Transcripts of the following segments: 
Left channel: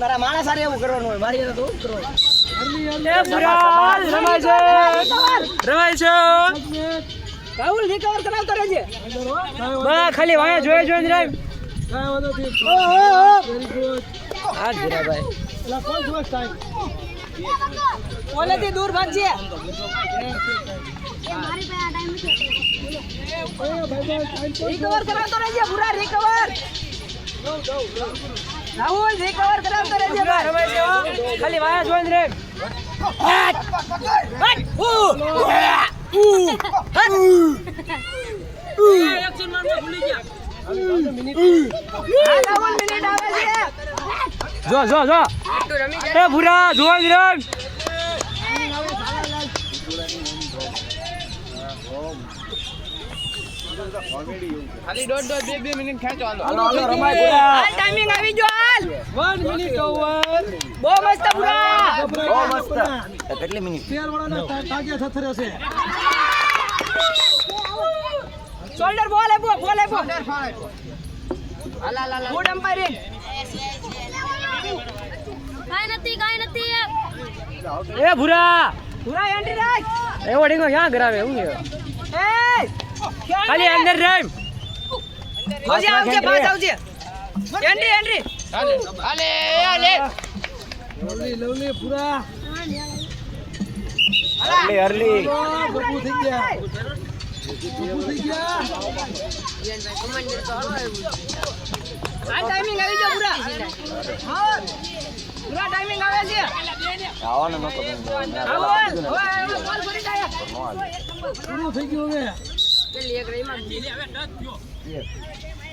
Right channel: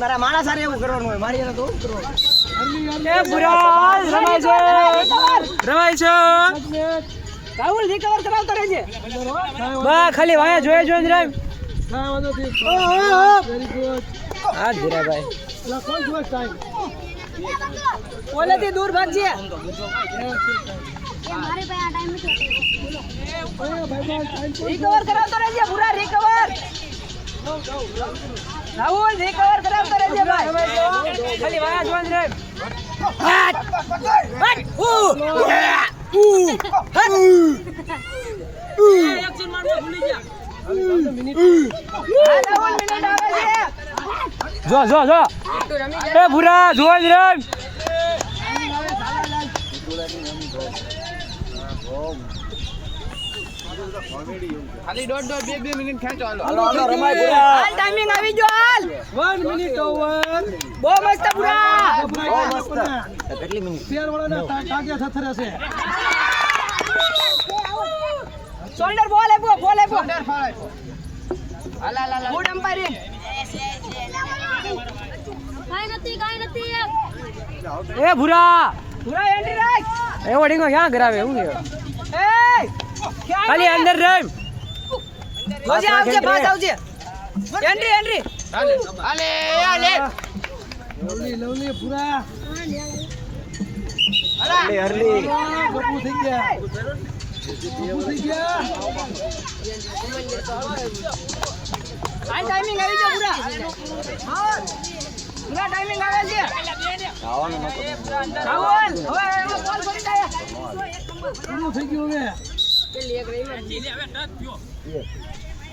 મારા માણસ સારે એવું કરવાનું હોય મારી તો રમાય છે રાહુલ રિકવર કરાવતો રહેજે બા ખાલી વાયા જોઈ જોઈ રામ આ ધીરાભાઈ ઓલેથી દૂર ભાગજે રિકવર કરાવતો રહેજે પૂરા રિકવર રાહુલ રિકવર કરાવતો રહેજે ભાઈ ખાલી વાયા જોઈ રામ એક્શન મારવા ભૂલી ગયા રાહુલ મિનિટ આવે છે જો જો જો એ ભૂરા જોઈ રામ ખાલી દોઢ બે મિનિટ ખેંચો હાલો રમાય પૂરા હાલ ટાઈમિંગ આવી ગયો હાલ 1 મિનિટ ઓવર બહુ મસ્ત પૂરા બહુ મસ્ત કેટલી મિનિટ શોલ્ડર બોલ એપો હાલા ગુડ એમ્પાયરિંગ કાઈ નથી એ ભૂરા પૂરા એન્ટ્રી રાખ એવો ડીંગો ક્યાં કરાવે એવું ને એ ખાલી અંદર રામ જોજે આવજે પાસ આવજે એન્ટ્રી હાલે લવલી પૂરા અરલી બબુ થઈ ગયા આ ટાઈમિંગ આવી ગયો પૂરા પૂરા ટાઈમિંગ આવે છે આવવાનું નતો રાહુલ ઓય બોલ કરી દે પૂરું થઈ ગયું ને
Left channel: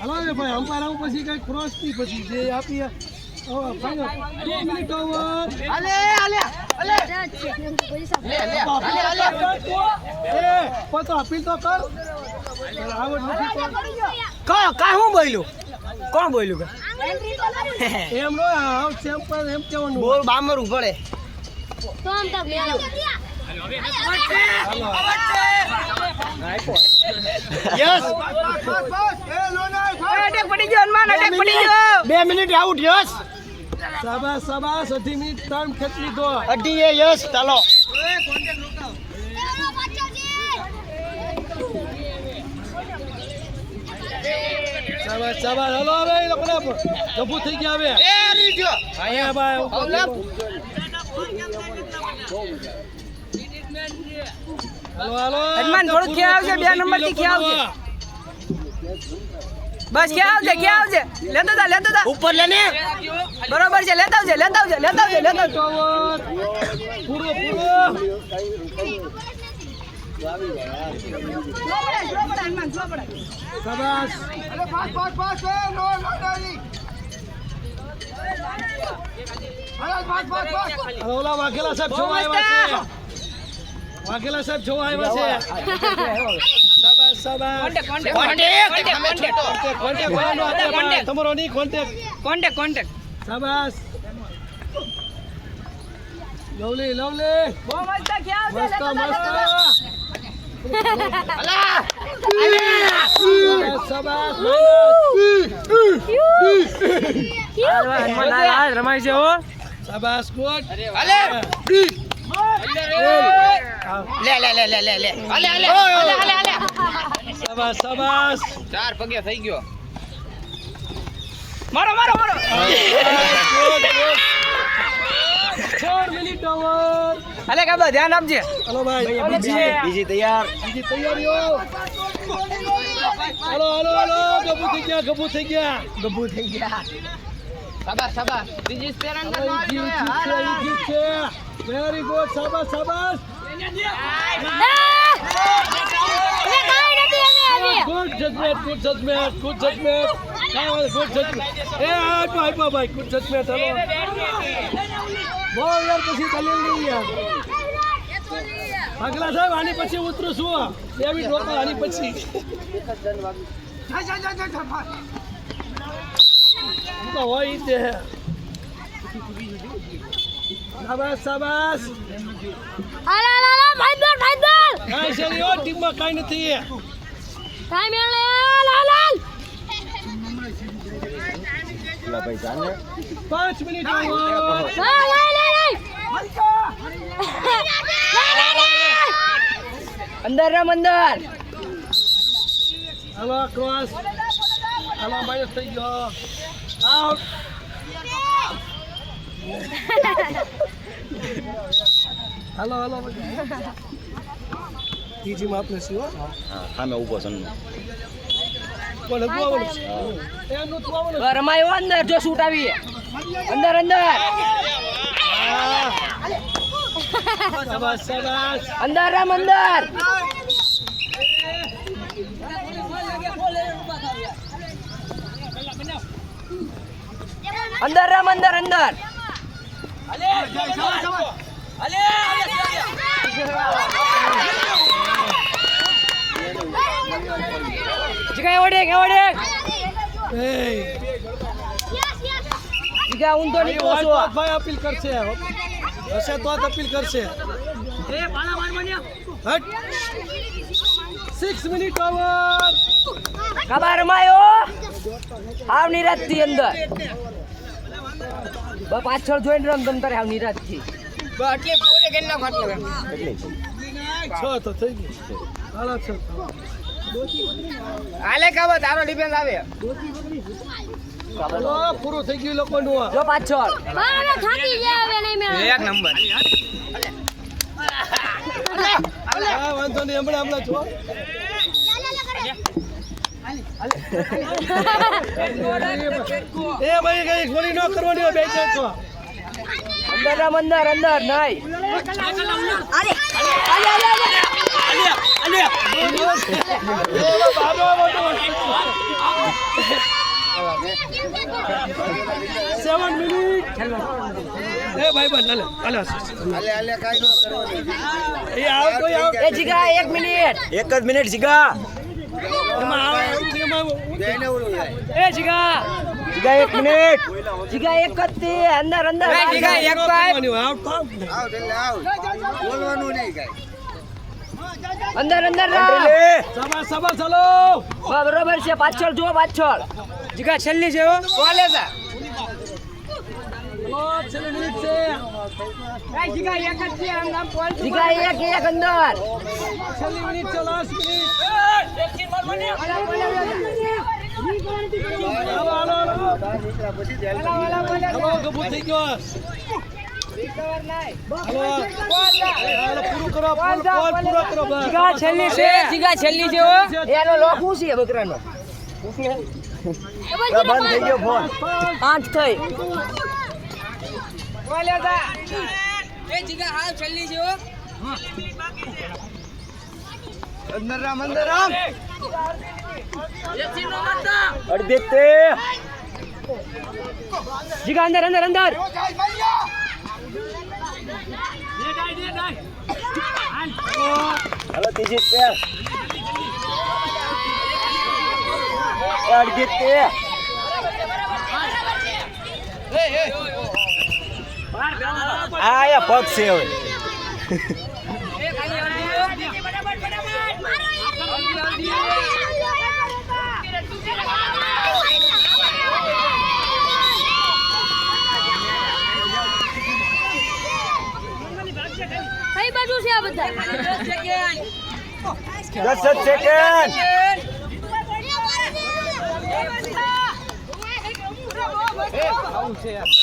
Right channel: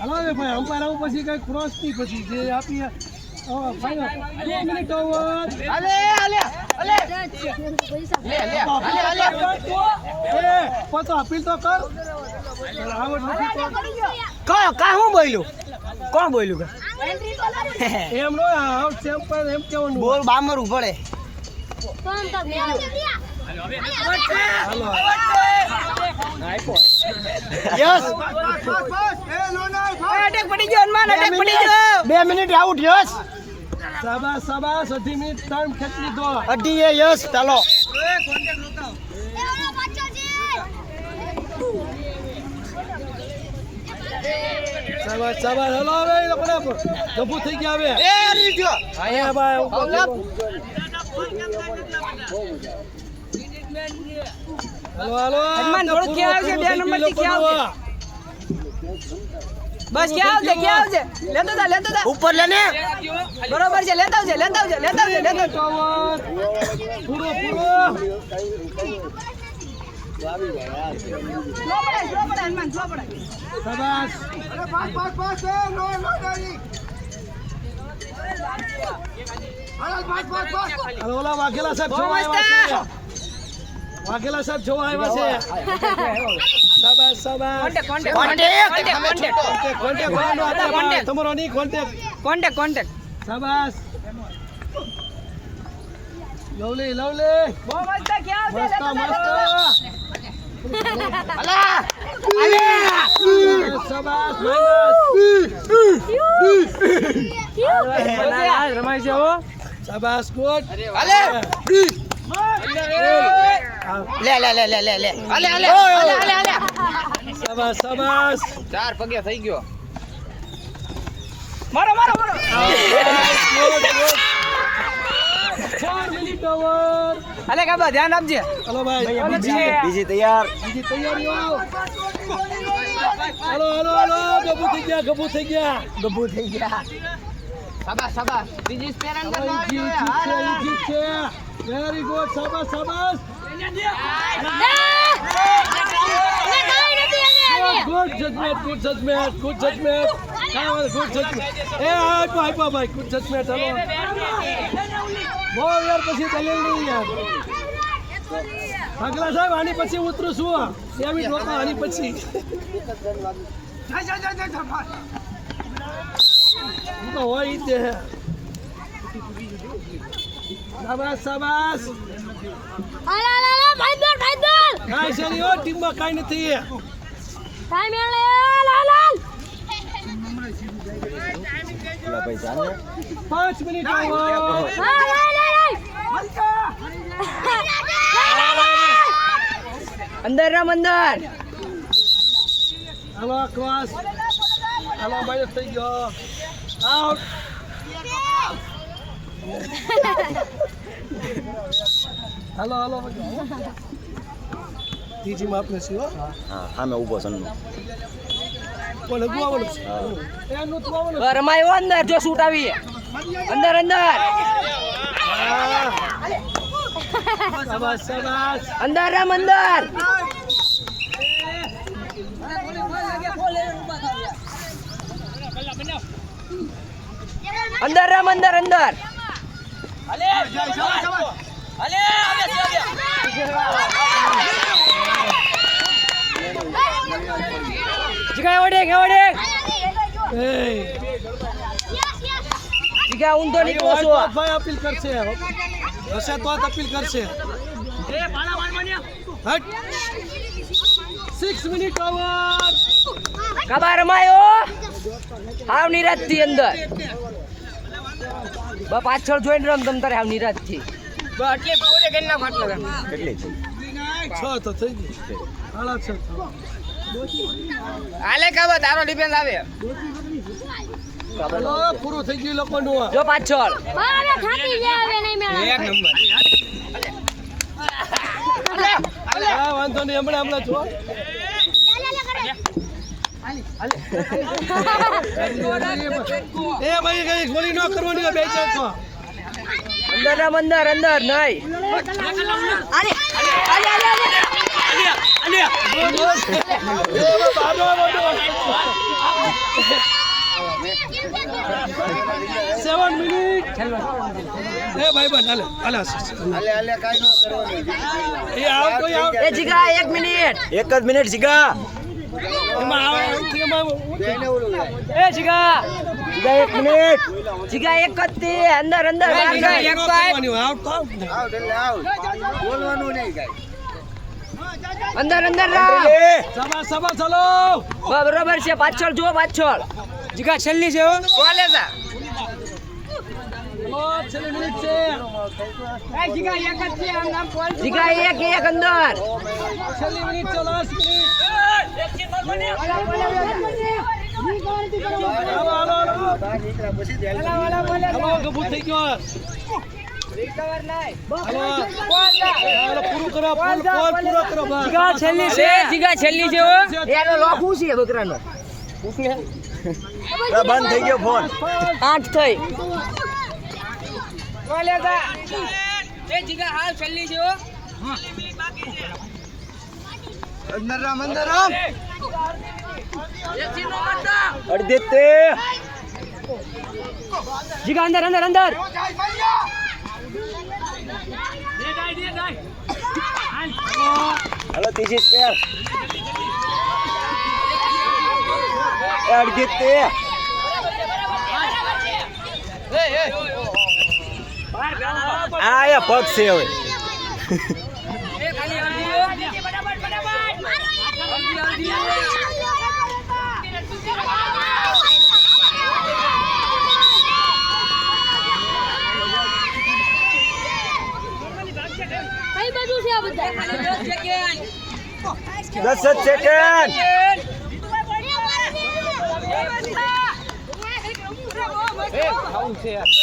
હલાવે ભાઈ અંપાયર આવું પછી કઈ ક્રોસ ની પછી જે આપી ફાઈનલ 2 મિનિટ ઓવર હાલે પતો અપીલ તો કર આવડ નથી તો કાય હું બોલ્યું કોણ બોલ્યું એમ નો આવ ચેમ્પિયન એમ કેવાનું બોલ બામરું પડે યસ અટેક પડી ગયો હનુમાન અટેક પડી ગયો 2 મિનિટ આઉટ યસ શાબાશ અઢી મિનિટ ટાઈમ ખેંચી લીધો અઢી એ યસ ચાલો શાબાશ હલો હવે આપણે ગભુ થઈ ગયા હવે એ રી ગયો આયા ભાઈ હલો હનુમાન થોડું ક્યાં આવશે 2 નંબર થી ક્યાં આવશે બસ ક્યાં આવશે લેતો તા ઉપર લે ને બરોબર છે લેતા આવજે પૂરો શાબાશ ઓલા વાઘેલા સાહેબ જોવા આવ્યા છે વાઘેલા સાહેબ જોવા આવ્યા છે શાબાશ કોન્ટેક્ટ તમારો ની કોન્ટેક્ટ શાબાશ લવલી બહુ મસ્ત ક્યાં મસ્ત શાબાશ રમાય છે હો શાબાશ ગુડ શાબાશ ચાર પગે થઈ ગયો મારો 4 મિનિટ ઓવર અલે કાબા ધ્યાન આપજે હલો ભાઈ બીજી તૈયાર બીજી તૈયારીઓ હલો ગબુ થઈ ગયા શાબાશ બીજી સ્પેર અંદર જીત છે વેરી ગુડ શાબાશ ગુડ જજમેન્ટ એ આપ્યો ભાઈ ગુડ જજમેન્ટ હલો બહુ યાર પછી ચાલુ નહીં યાર આગલા સાહેબ આની પછી ઉતરું છું 2 મિનિટ રોકો આની પછી તો હોય તે શાબાશ કાંઈ છે નહીં ટીમમાં કાંઈ નથી કેટલા પૈસા ને 5 મિનિટ over. અંદર રમ અંદર. હાલો ક્રોસ. હાલો ભાઈ થઈ ગયો. આઉટ. હાલો હાલો. ત્રીજી માં આપણે શું? હા સામે ઊભો છે કોને ગુવાવાનું છે? એમનું ગુવાવાનું. રમાયો અંદર જો શૂટ આવી અંદર અંદર શાબાશ શાબાશ. અંદર રમ અંદર. અંદર રમ અંદર અંદર. જીગા ઓડે ઓડે. જીગા ઊંધો નીકળો છો. ભાઈ અપીલ કરશે. હશે તો જ અપીલ કરશે. હટ. 6 મિનિટ ઓવર. કબા રમાયો હાવ નિરાજ થી અંદર. પાછળ જોઈને રમ તમ તારે હાવ નિરાજ થી. એટલે પૂરે ગન્ના ફાટલો. કેટલી 6 તો થઈ ગઈ. હાલો 6. હાલે કાબા તારો ડિફેન્સ આવે. હાલો પૂરું થઈ ગયું લોકોનું. જો પાછળ મારે થાકી ગયા હવે નહીં મેળ. એક નંબર. હા વાંધો નહીં હમણાં જો. એ ભાઈ કઈ ગોળી ન કરવાની હોય, બેચો છો. અંદર રમ અંદર અંદર નહીં. અરે અલે 7 મિનિટ. એ ભાઈ બન હાલે એ આવો તો આવો. એ જીગા 1 મિનિટ. એક જ મિનિટ જીગા એમાં આવો એ જીગા જીગા 1 મિનિટ જીગા એક જ તે અંદર અંદર જીગા એક પાઇપ અંદર અંદર રામ. સભા ચાલો. બરોબર છે પાછળ જો પાછળ. જીગા છેલ્લી છે હો. કોલે જા. છેલ્લી મિનિટ છે. જીગા એક જ છે જીગા એક અંદર. છેલ્લી મિનિટ છે. Last minute. ગભૂ થઈ ગયો. પૂરું કરો પૂરો કરો બસ. જીગા છેલ્લી છે જીગા છેલ્લી છે હો. એનો લોક હું છે બકરાનો. બંધ થઈ ગયો ફોન 8 થઈ. કોલે જા. એ જીગા હાલ છેલ્લી છે હો. અંદર રામ અડધી તે જીગા અંદર અંદર અંદર. હાલો ત્રીજી સ્પેર અડધી તે આ પગ છે હવે. કઈ બાજુ છે આ બધા? 10 સેકન્ડ. એ ખાવું છે યાર.